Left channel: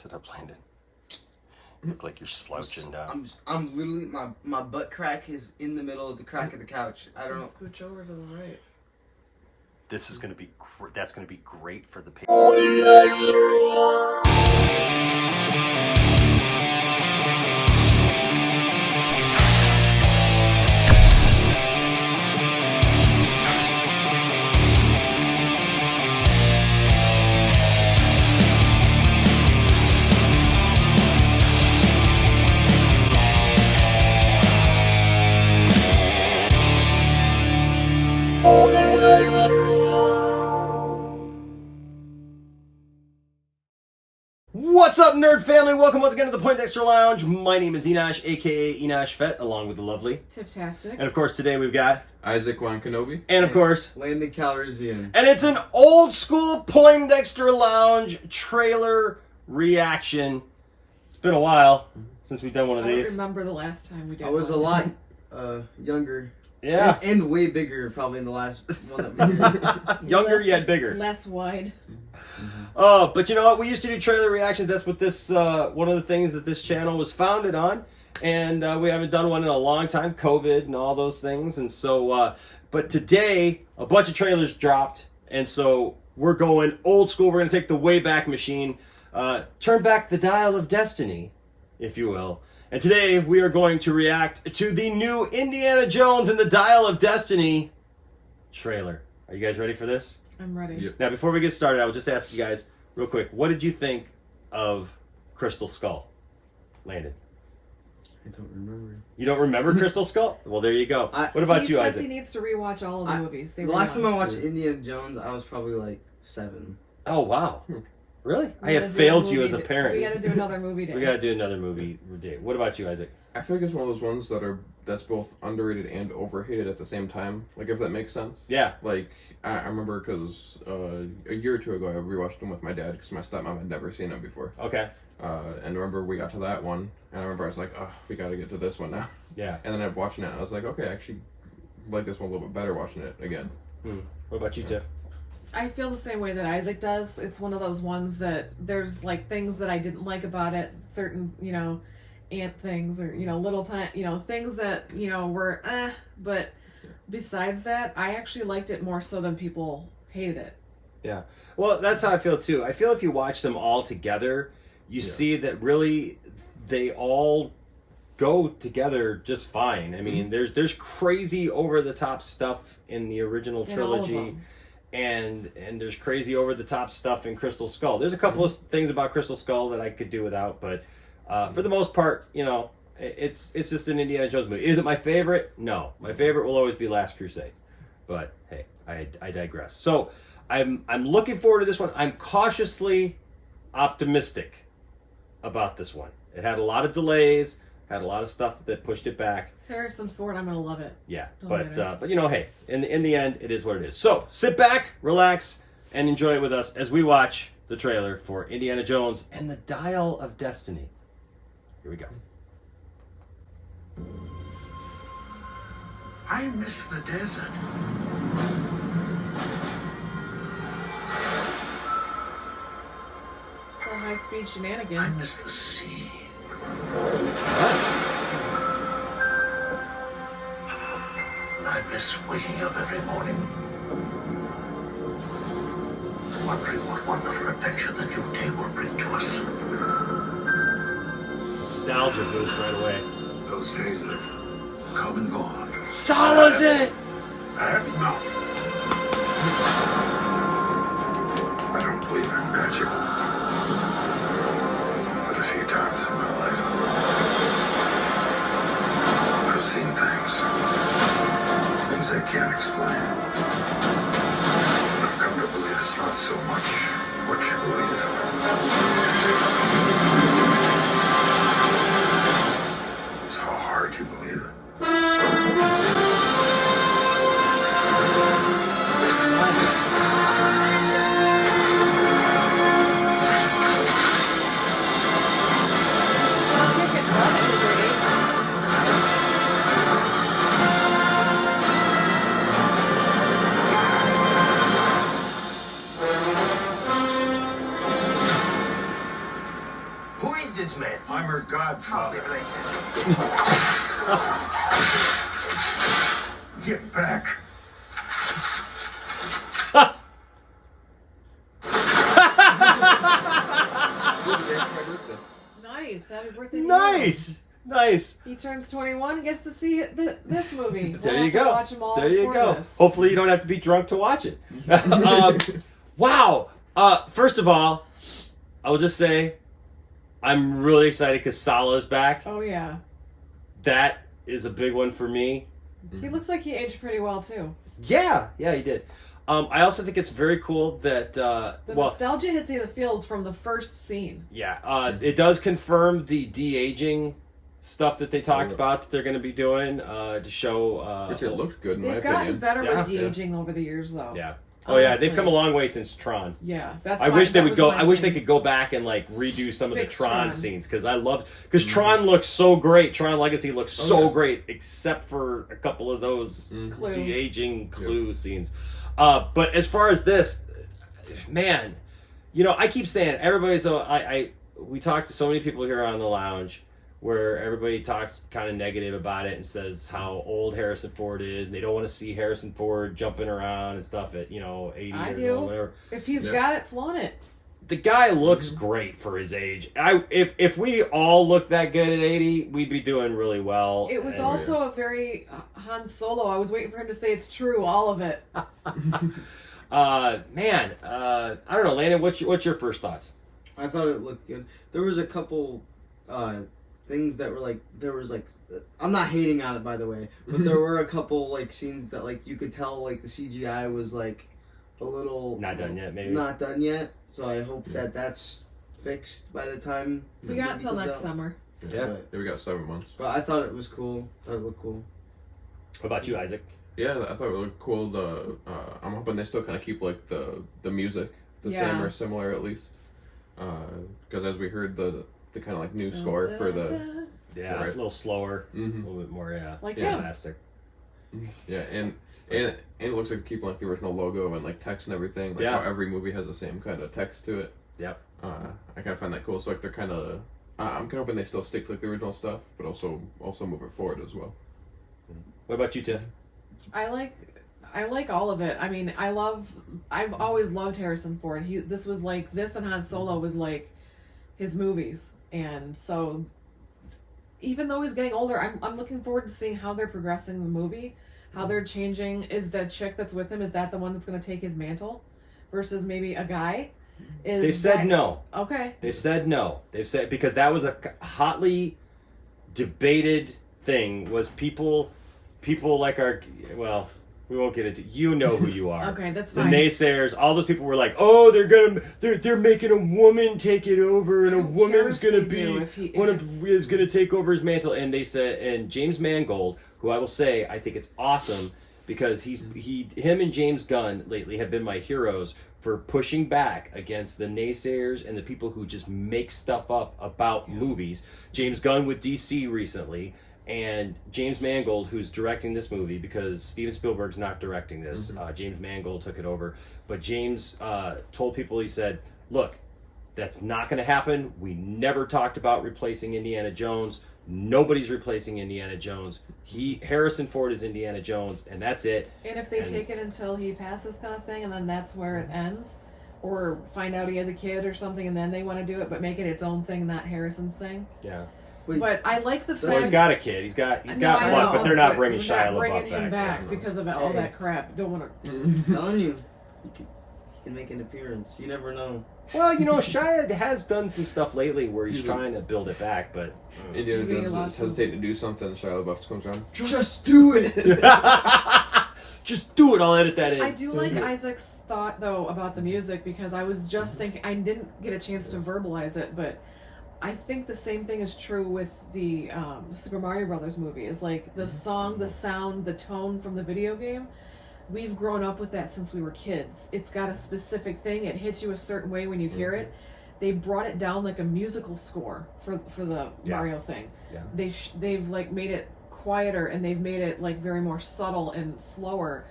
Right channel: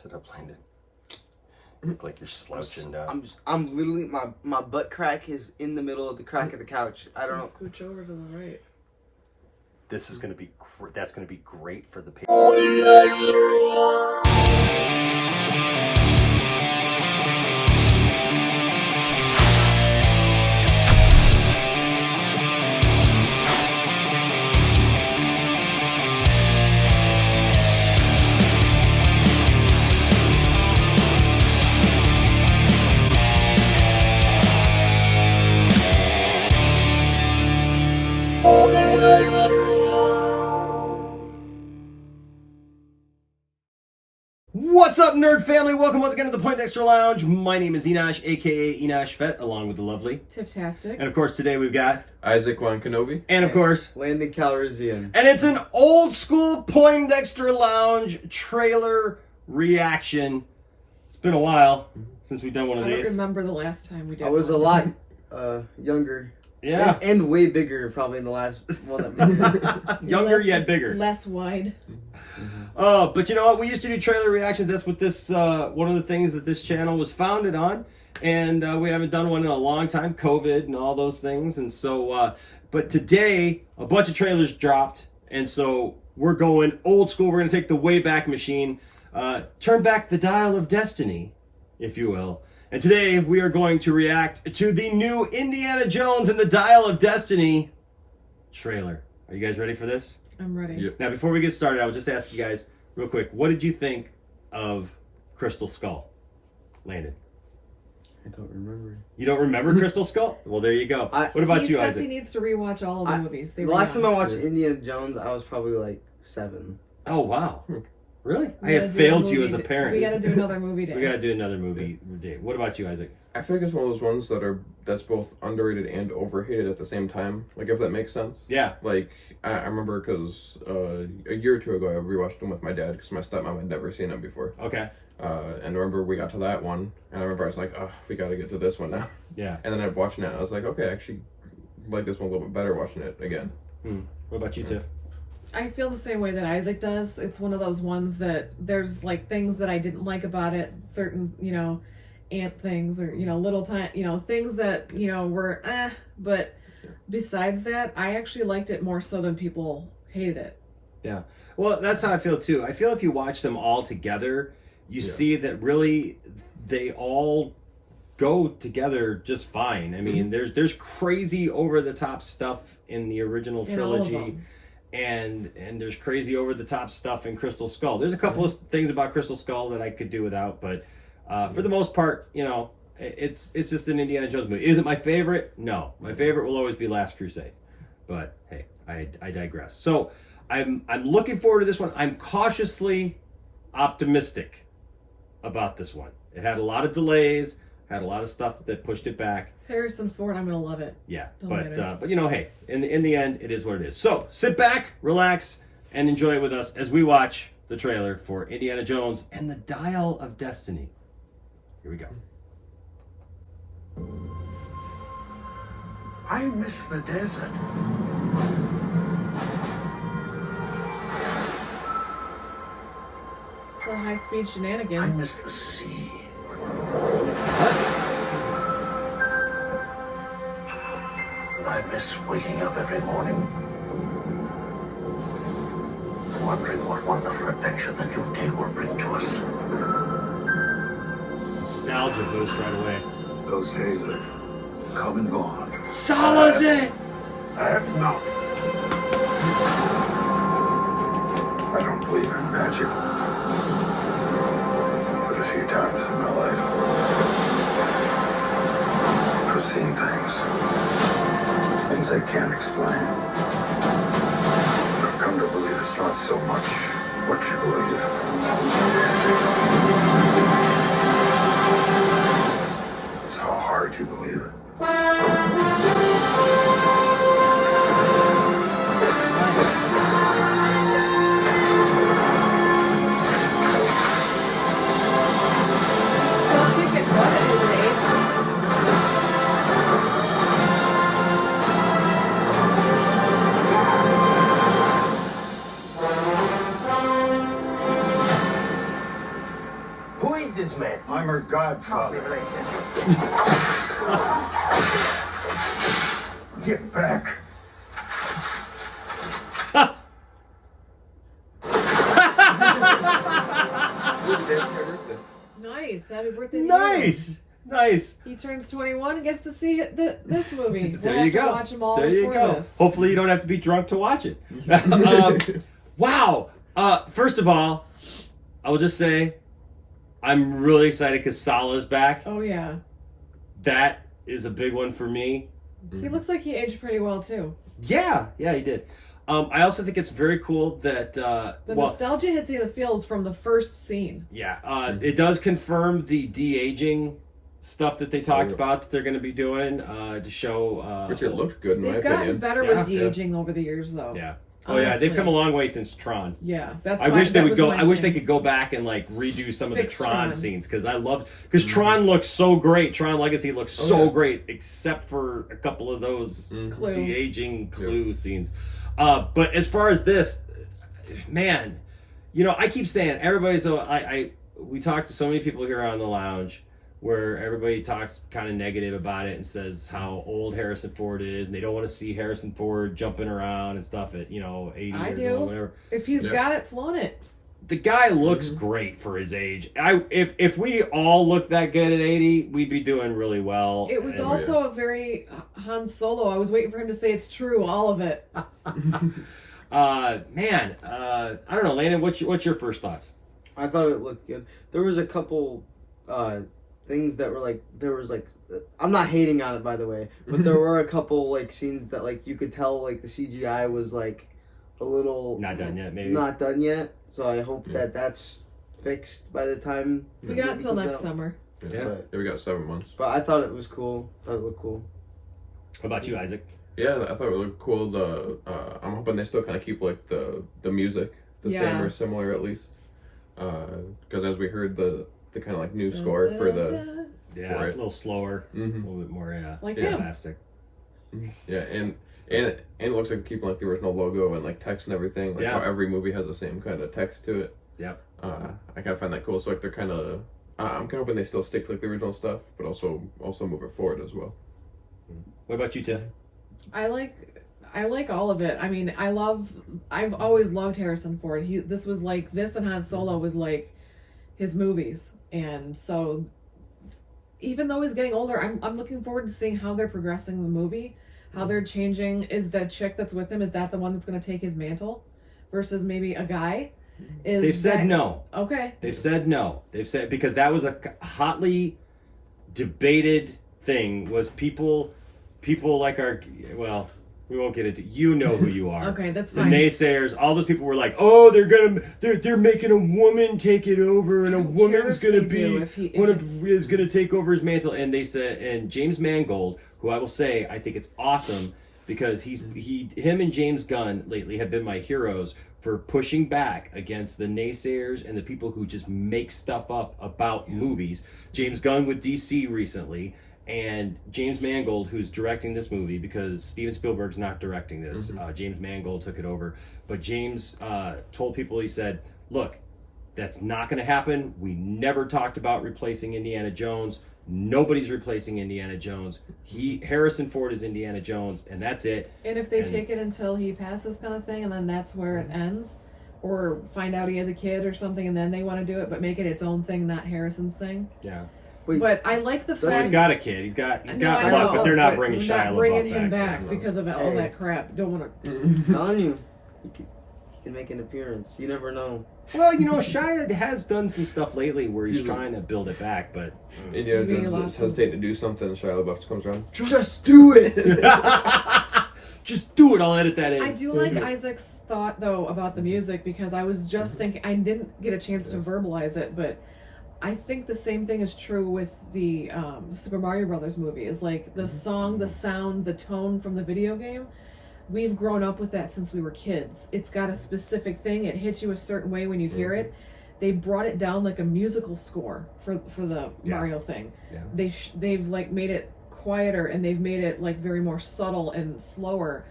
Sit up, Landon. You look like you're slouching down. I'm literally, my butt crack is in the middle of the crack of the couch. I don't know. Scooch over to the right. This is going to be, that's going to be great for the people. What's up, nerd family? Welcome once again to the Poindexter Lounge. My name is Enosh, aka Enosh Fett, along with the lovely Tiptastic. And of course, today we've got Isaac Wankanobi. And of course, Landon Calrissian. And it's an old school Poindexter Lounge trailer reaction. It's been a while since we've done one of I these. don't remember the last time we did I was one. a lot younger. Yeah. And way bigger, probably, in the last one that we Younger yet bigger. Less wide. Oh, but you know what? We used to do trailer reactions. That's what this, one of the things that this channel was founded on. And we haven't done one in a long time, COVID and all those things. And so, but today, a bunch of trailers dropped. And so we're going old school. We're going to take the Wayback Machine, turn back the dial of destiny, if you will. And today we are going to react to the new Indiana Jones and the Dial of Destiny trailer. Are you guys ready for this? I'm ready. Yep. Now, before we get started, I will just ask you guys real quick, what did you think of Crystal Skull? Landon? I don't remember. You don't remember Crystal Skull? Well, there you go. What about he you, says Isaac? he needs to rewatch all of the movies. The last time I watched Indiana Jones, I was probably like 7. Oh, wow. Really? I We have gotta do failed a you movie as a parent. We got to do another movie day. We got to do another movie day. What about you, Isaac? I feel like it's one of those ones that's both underrated and overhated at the same time. Like, if that makes sense. Yeah. Like, I remember because a year or two ago I rewatched them with my dad because my stepmom had never seen them before. Okay. And I remember we got to that one, and I remember I was like, oh, we got to get to this one now. Yeah. And then I watching it, and I was like, okay, I actually like this one a little bit better watching it again. What about you, Tiff? I feel the same way that Isaac does. It's one of those ones that there's like things that I didn't like about it, certain, ant things or, little time, things that, were but besides that, I actually liked it more so than people hated it. Yeah. Well, that's how I feel too. I feel if you watch them all together, you see that really they all go together just fine. I mean, there's crazy over the top stuff in the original trilogy. And there's crazy over the top stuff in Crystal Skull. There's a couple of things about Crystal Skull that I could do without, but for the most part, it's just an Indiana Jones movie. Is it my favorite? No, my favorite will always be Last Crusade. But hey, I digress. So I'm looking forward to this one. I'm cautiously optimistic about this one. It had a lot of delays. Had a lot of stuff that pushed it back. It's Harrison Ford. I'm gonna love it. Yeah, Don't but get hey, in the end, it is what it is. So sit back, relax, and enjoy it with us as we watch the trailer for Indiana Jones and the Dial of Destiny. Here we go. I miss the desert. So high-speed shenanigans. I miss the sea. I miss waking up every morning, wondering what wonderful adventure the new day will bring to us. Nostalgia goes right away. Those days have come and gone. Solace it! That's not. I don't believe in magic, but a few times in my life, I've seen things I can't explain. I've come to believe it's not so much what you believe. It's how hard you believe it. Who is this man? I'm her godfather. Get back. Nice. Happy birthday to you. Nice. He turns 21 and gets to see this movie. We'll There have you to go. watch them all There you before go. this. Hopefully you don't have to be drunk to watch it. Wow. First of all, I will just say I'm really excited because Salah's back. Oh, yeah. That is a big one for me. He looks like he aged pretty well, too. Yeah, he did. I also think it's very cool that The nostalgia hits you the feels from the first scene. it does confirm the de-aging stuff that they talked about that they're going to be doing to show. Which it looked good in my They've gotten opinion. better Yeah. with de-aging over the years, though. Yeah. Oh yeah, they've Honestly. come a long way since Tron. Yeah, that's. I why- wish they that would was go. my I wish they thing. could go back and like redo some of the Fix Tron Tron. scenes because I loved because Tron looks so great. Tron Legacy looks so yeah. great, except for a couple of those Clue. de-aging Clue scenes. But as far as this, man, I keep saying everybody's. We talk to so many people here on the lounge where everybody talks kind of negative about it and says how old Harrison Ford is and they don't want to see Harrison Ford jumping around and stuff at 80 I years do. old, whatever. If he's got it, flaunt it. The guy looks great for his age. If we all looked that good at 80, we'd be doing really well. It was also a very Han Solo. I was waiting for him to say it's true, all of it. I don't know, Landon. What's your first thoughts? I thought it looked good. There was a couple things that were I'm not hating on it, by the way, but there were a couple scenes that you could tell the CGI was a little Not done yet, maybe. not done yet. So I hope that that's fixed by the time We got until next summer. Yeah. We got 7 months. But I thought it was cool. Thought it looked cool. What about you, Isaac? Yeah, I thought it looked cool. I'm hoping they still kind of keep the music the same or similar at least. Because as we heard the kind of new score for the a little slower, a little bit more Like him. classic. Yeah, and it looks like keeping the original logo and text and everything. How every movie has the same kind of text to it. Yeah. I kind of find that cool. So they're kind of I'm kind of hoping they still stick to the original stuff, but also move it forward as well. What about you, Tiff? I like all of it. I mean, I've always loved Harrison Ford. This and Han Solo was his movies. And so even though he's getting older, I'm looking forward to seeing how they're progressing the movie, how they're changing. Is the chick that's with him, is that the one that's going to take his mantle versus maybe a guy? They've said no. Okay. They've said no. They've said because that was a hotly debated thing. Was people like we won't get into. You know who you are. Okay, that's the fine. naysayers. All those people were like, "Oh, they're making a woman take it over, and a woman's gonna is gonna take over his mantle." And they said, and James Mangold, who I will say, I think it's awesome because him and James Gunn lately have been my heroes for pushing back against the naysayers and the people who just make stuff up about movies. James Gunn with DC recently. And James Mangold, who's directing this movie, because Steven Spielberg's not directing this. James Mangold took it over. But James told people, he said, look, that's not going to happen. We never talked about replacing Indiana Jones. Nobody's replacing Indiana Jones. Harrison Ford is Indiana Jones, and that's it. And if they take it until he passes kind of thing, and then that's where it ends, or find out he has a kid or something, and then they want to do it, but make it its own thing, not Harrison's thing. Yeah. But I like the fact He's got a kid. He's got I one, know, but they're not bringing we're Shia not bringing LaBeouf him back. back because of all that crap. Don't want to. I'm telling you, he can make an appearance. You never know. Well, Shia has done some stuff lately where he's trying to build it back, but Indiana Jones hesitate to do something. Shia LaBeouf comes around. Just do it. just do it. I'll edit that in. I do like Isaac's thought though about the music because I was just thinking I didn't get a chance to verbalize it, but I think the same thing is true with the Super Mario Brothers movie. Is the song, the sound, the tone from the video game. We've grown up with that since we were kids. It's got a specific thing. It hits you a certain way when you hear it. They brought it down like a musical score for the Mario thing. Yeah. They've made it quieter and they've made it very more subtle and slower.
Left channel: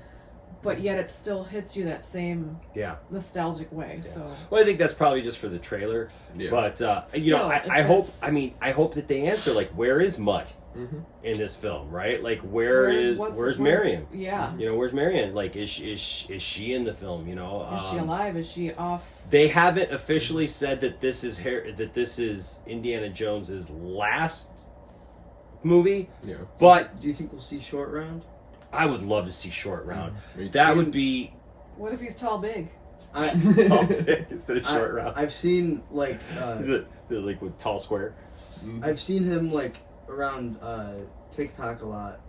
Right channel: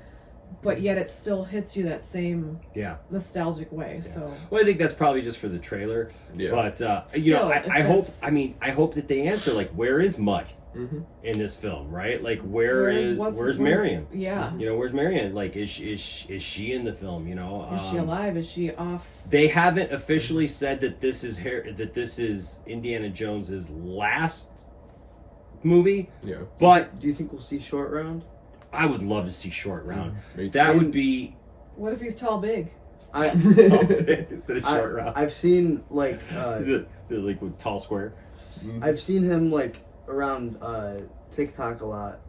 but yet it still hits you that same Yeah. nostalgic way. Yeah. So Well, I think that's probably just for the trailer. Yeah. But Still, I if hope. it's- I hope that they answer like, where is Mutt Mm-hmm. in this film, right? Like, where's what's- Marion? Yeah. You know, where's Marion? Like, is she in the film? You know, Is she alive? Is she off? They haven't officially said that this is Indiana Jones's last movie, Yeah. but Do you think we'll see Short Round? I would love to see Short Round. Me That too. would be What if he's tall, big? I instead of Short Round. I've seen like Is it like with tall square? I've seen him like around TikTok a lot.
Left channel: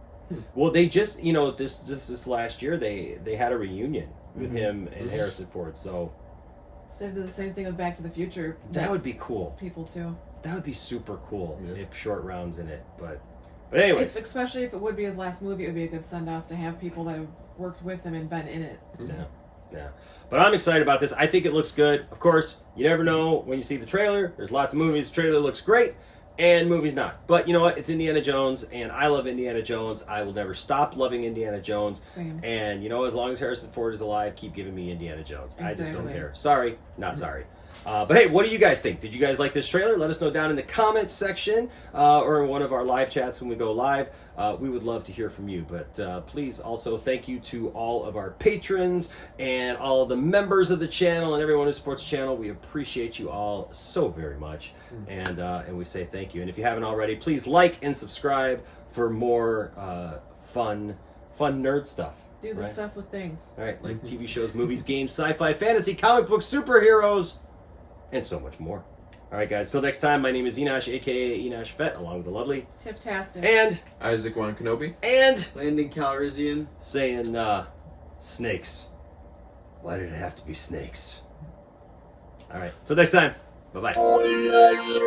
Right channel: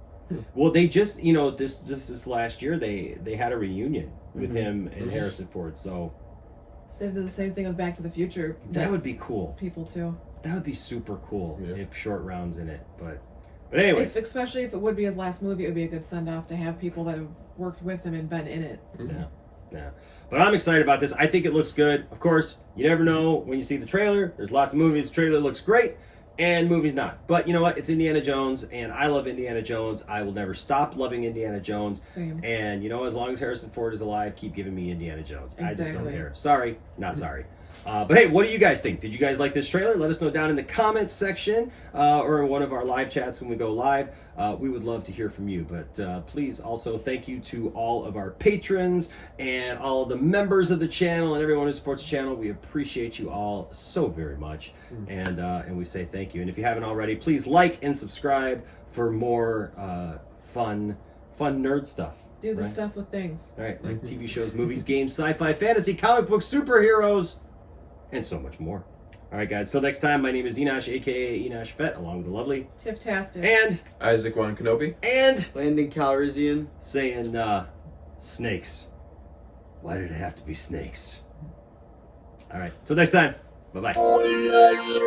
Well, they just this last year they had a reunion with Mhm. him and Harrison Ford, so They did the same thing with Back to the Future. that would be cool. people too. That would be super cool Yeah. if Short Round's in it. But anyways, Especially if it would be his last movie, it would be a good send off to have people that have worked with him and been in it. yeah. But I'm excited about this. I think it looks good. Of course, you never know when you see the trailer. There's lots of movies. The trailer looks great, and movies not. But you know what? It's Indiana Jones, and I love Indiana Jones. I will never stop loving Indiana Jones. Same. And you know, as long as Harrison Ford is alive, keep giving me Indiana Jones. I just don't Exactly. care. Sorry, not sorry. But hey, what do you guys think? Did you guys like this trailer? Let us know down in the comments section or in one of our live chats when we go live. We would love to hear from you. But please also thank you to all of our patrons and all of the members of the channel and everyone who supports the channel. We appreciate you all so very much. And we say thank you. And if you haven't already, please like and subscribe for more fun nerd stuff. Do the right? stuff with things. All right, like TV shows, movies, games, sci-fi, fantasy, comic books, superheroes, and so much more. All right, guys. Till next time, my name is Enosh, aka Enosh Fett, along with the lovely Tif-tastic. Isaac Wan Kenobi. and Landing Calrissian. saying snakes. Why did it have to be snakes? All right. Till next time. Bye bye.